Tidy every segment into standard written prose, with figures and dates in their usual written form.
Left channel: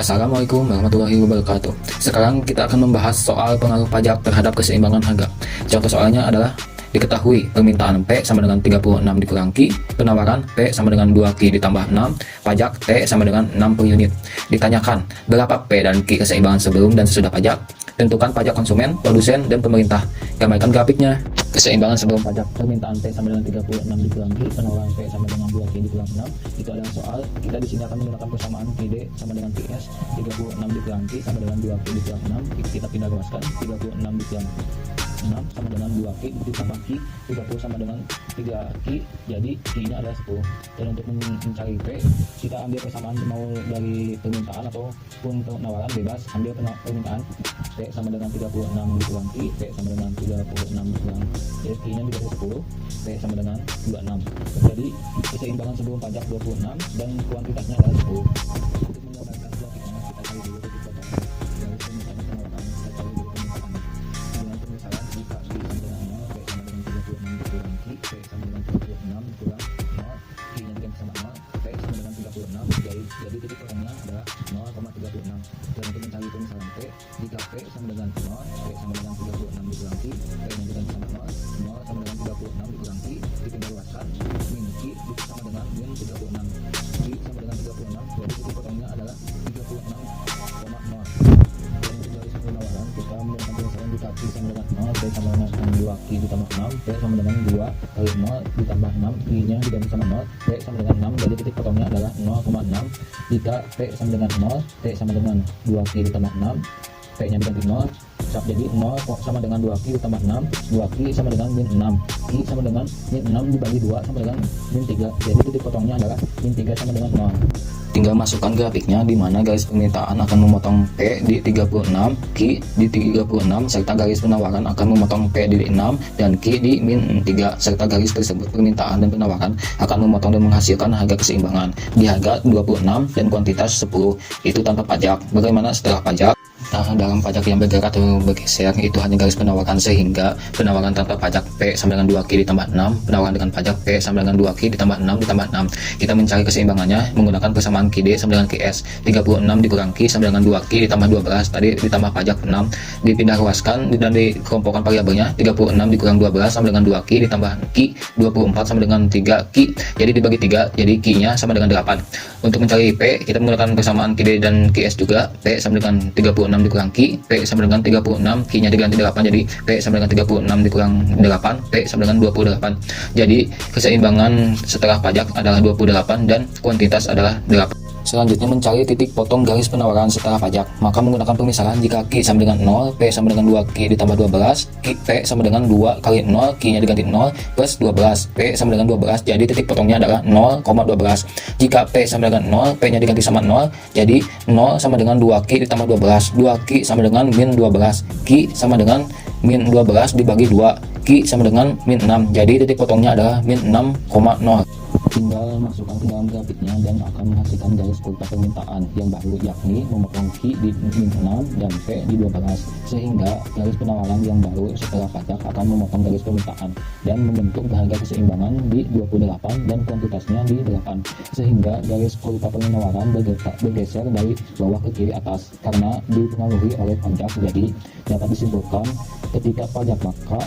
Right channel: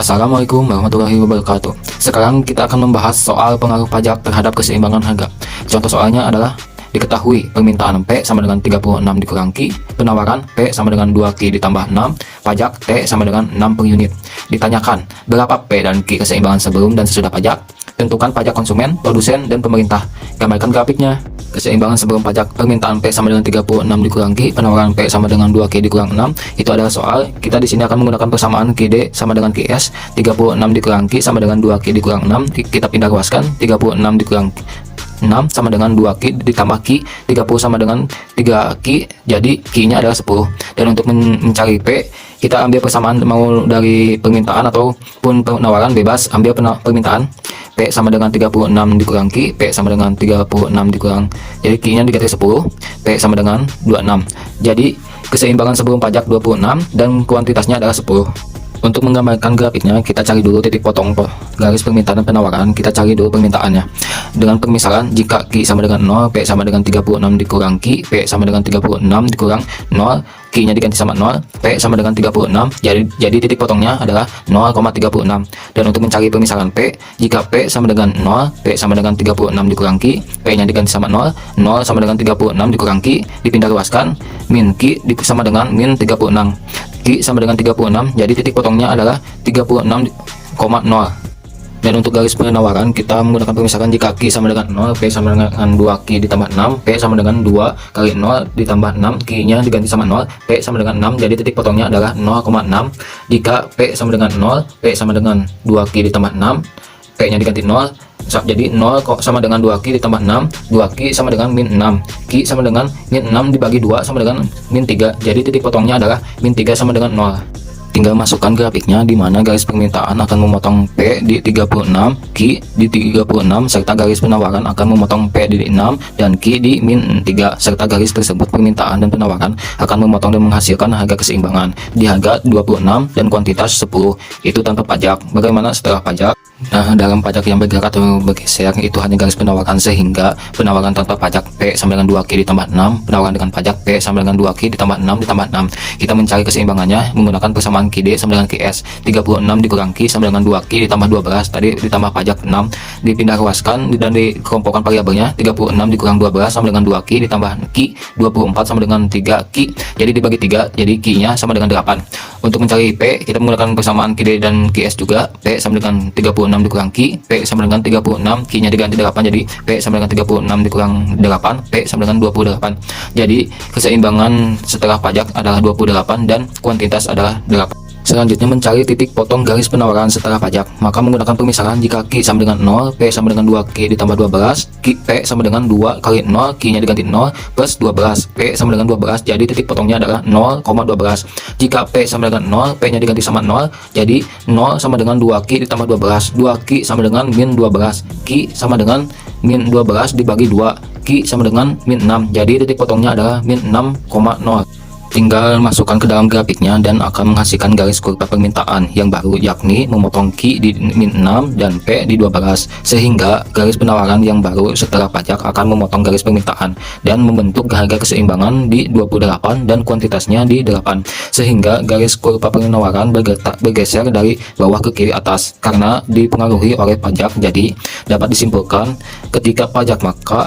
Assalamualaikum warahmatullahi wabarakatuh. Sekarang kita akan membahas soal pengaruh pajak terhadap keseimbangan harga. Contoh soalnya adalah diketahui permintaan P sama dengan 36 dikurang Q, penawaran P sama dengan 2Q ditambah 6, pajak T sama dengan 6 per unit. Ditanyakan berapa P dan Q keseimbangan sebelum dan sesudah pajak. Tentukan pajak konsumen, produsen, dan pemerintah. Gambarkan grafiknya. Keseimbangan sebelum pajak, permintaan P sama dengan 36 dikurang Q, penawaran P sama dengan 2Q dikurang 6. Itu adalah soal. Kita di sini akan menggunakan persamaan QD sama dengan QS. 36 dikurang Q sama dengan 2Q dikurang 6. Kita pindah ruaskan. 36 dikurang 6 sama dengan 2Q ditambah Q, 30 sama dengan 3Q, jadi Q-nya adalah 10. Dan untuk mencari P, kita ambil persamaan mau dari permintaan ataupun penawaran, bebas ambil permintaan. P sama dengan 36 dikurang Q, P sama dengan 36 dikurang, jadi Q-nya diganti 10, P sama dengan 26. Jadi keseimbangan sebelum pajak 26 dan kuantitasnya adalah 10. Untuk menggambarkan grafiknya, kita cari dulu titik potong garis permintaan dan penawaran. Kita cari dulu permintaannya dengan permisalan jika Q sama dengan 0, P sama dengan 36 dikurang Q, P sama dengan 36 dikurang 0, Q nya diganti sama 0, P sama dengan 36, jadi titik potongnya adalah 0,36. Dan untuk mencari permisalan P, jika P sama dengan 0, P sama dengan 36 dikurang Q, P nya diganti sama 0, 0 sama dengan 36 dikurang Q, dipindah ruaskan, min Q sama dengan min 36, Q sama dengan 36, jadi titik potongnya adalah 36,0. Dan untuk garis penawaran, kita menggunakan permisalan jika Q sama dengan 0, P sama dengan 2Q ditambah 6, P sama dengan 2 kali 0 ditambah 6, Q nya diganti sama 0, P sama dengan 6, jadi titik potongnya adalah 0,6. Jika P sama dengan 0, P sama dengan 2Q ditambah 6, P nya diganti 0, jadi 0 sama dengan 2Q ditambah 6, 2Q sama dengan min 6, Q sama dengan min 6 dibagi 2 sama dengan min 3, jadi titik potongnya adalah min 3 sama dengan 0. Tinggal masukkan grafiknya di mana garis permintaan akan memotong P di 36, Q di 36, serta garis penawaran akan memotong P di 6 dan Q di min 3, serta garis tersebut permintaan dan penawaran akan memotong dan menghasilkan harga keseimbangan di harga 26 dan kuantitas 10, itu tanpa pajak. Bagaimana setelah pajak? Nah, dalam pajak yang bergerak atau bergeser itu hanya garis penawaran, sehingga penawaran tanpa pajak P sama dengan 2Q ditambah 6, penawaran dengan pajak P sama dengan 2Q ditambah 6 ditambah 6. Kita mencari keseimbangannya menggunakan persamaan QD sama dengan QS. 36 dikurang Q sama dengan 2Q ditambah 12, tadi ditambah pajak 6, dipindah ruaskan dan dikelompokkan variabelnya. 36 dikurang 12 sama dengan 2Q ditambah Q, 24 sama dengan 3Q, jadi dibagi 3, jadi Q-nya sama dengan 8. Untuk mencari P, kita menggunakan persamaan QD dan QS juga. P sama dengan 36 dikurang Q, P sama dengan 36, Q nya diganti 8, jadi P sama dengan 36 dikurang 8, P sama dengan 28. Jadi keseimbangan setelah pajak adalah 28 dan kuantitas adalah 8. Selanjutnya mencari titik potong garis penawaran setelah pajak, maka menggunakan permisalan jika Q sama dengan 0, P sama dengan 2Q ditambah 12, P sama dengan 2 kali 0, Q nya diganti 0 plus 12, P sama dengan 12, jadi titik potongnya adalah 0,12. Jika P sama dengan 0, P nya diganti sama 0, jadi 0 sama dengan 2Q ditambah 12, 2Q sama dengan min 12, Q sama dengan min 12 dibagi 2, Q sama dengan min 6, jadi titik potongnya adalah min 6,0. Tinggal masukkan ke dalam grafiknya dan akan menghasilkan garis kurva permintaan yang baru, yakni memotong Q di min 6 dan P di 12, sehingga garis penawaran yang baru setelah pajak akan memotong garis permintaan dan membentuk harga keseimbangan di 28 dan kuantitasnya di 8, sehingga garis kurva penawaran bergeser dari bawah ke kiri atas karena dipengaruhi oleh pajak. Jadi dapat disimpulkan ketika pajak maka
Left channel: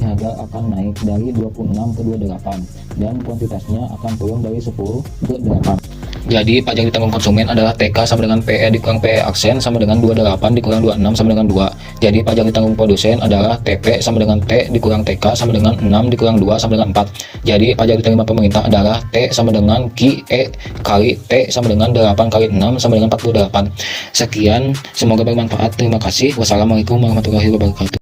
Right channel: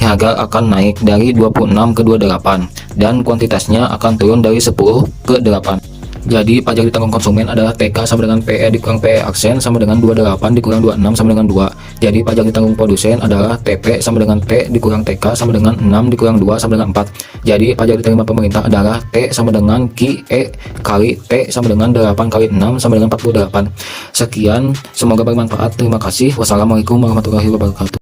harga akan naik dari 26 ke 28 dan kuantitasnya akan turun dari 10 ke 8. Jadi pajak ditanggung konsumen adalah TK sama dengan PE dikurang PE aksen sama dengan 28 dikurang 26 sama dengan 2. Jadi pajak ditanggung produsen adalah TP sama dengan T dikurang TK sama dengan 6 dikurang 2 sama dengan 4. Jadi pajak diterima pemerintah adalah T sama dengan QE kali T sama dengan 8 kali 6 sama dengan 48. Sekian, semoga bermanfaat. Terima kasih. Wassalamualaikum warahmatullahi wabarakatuh.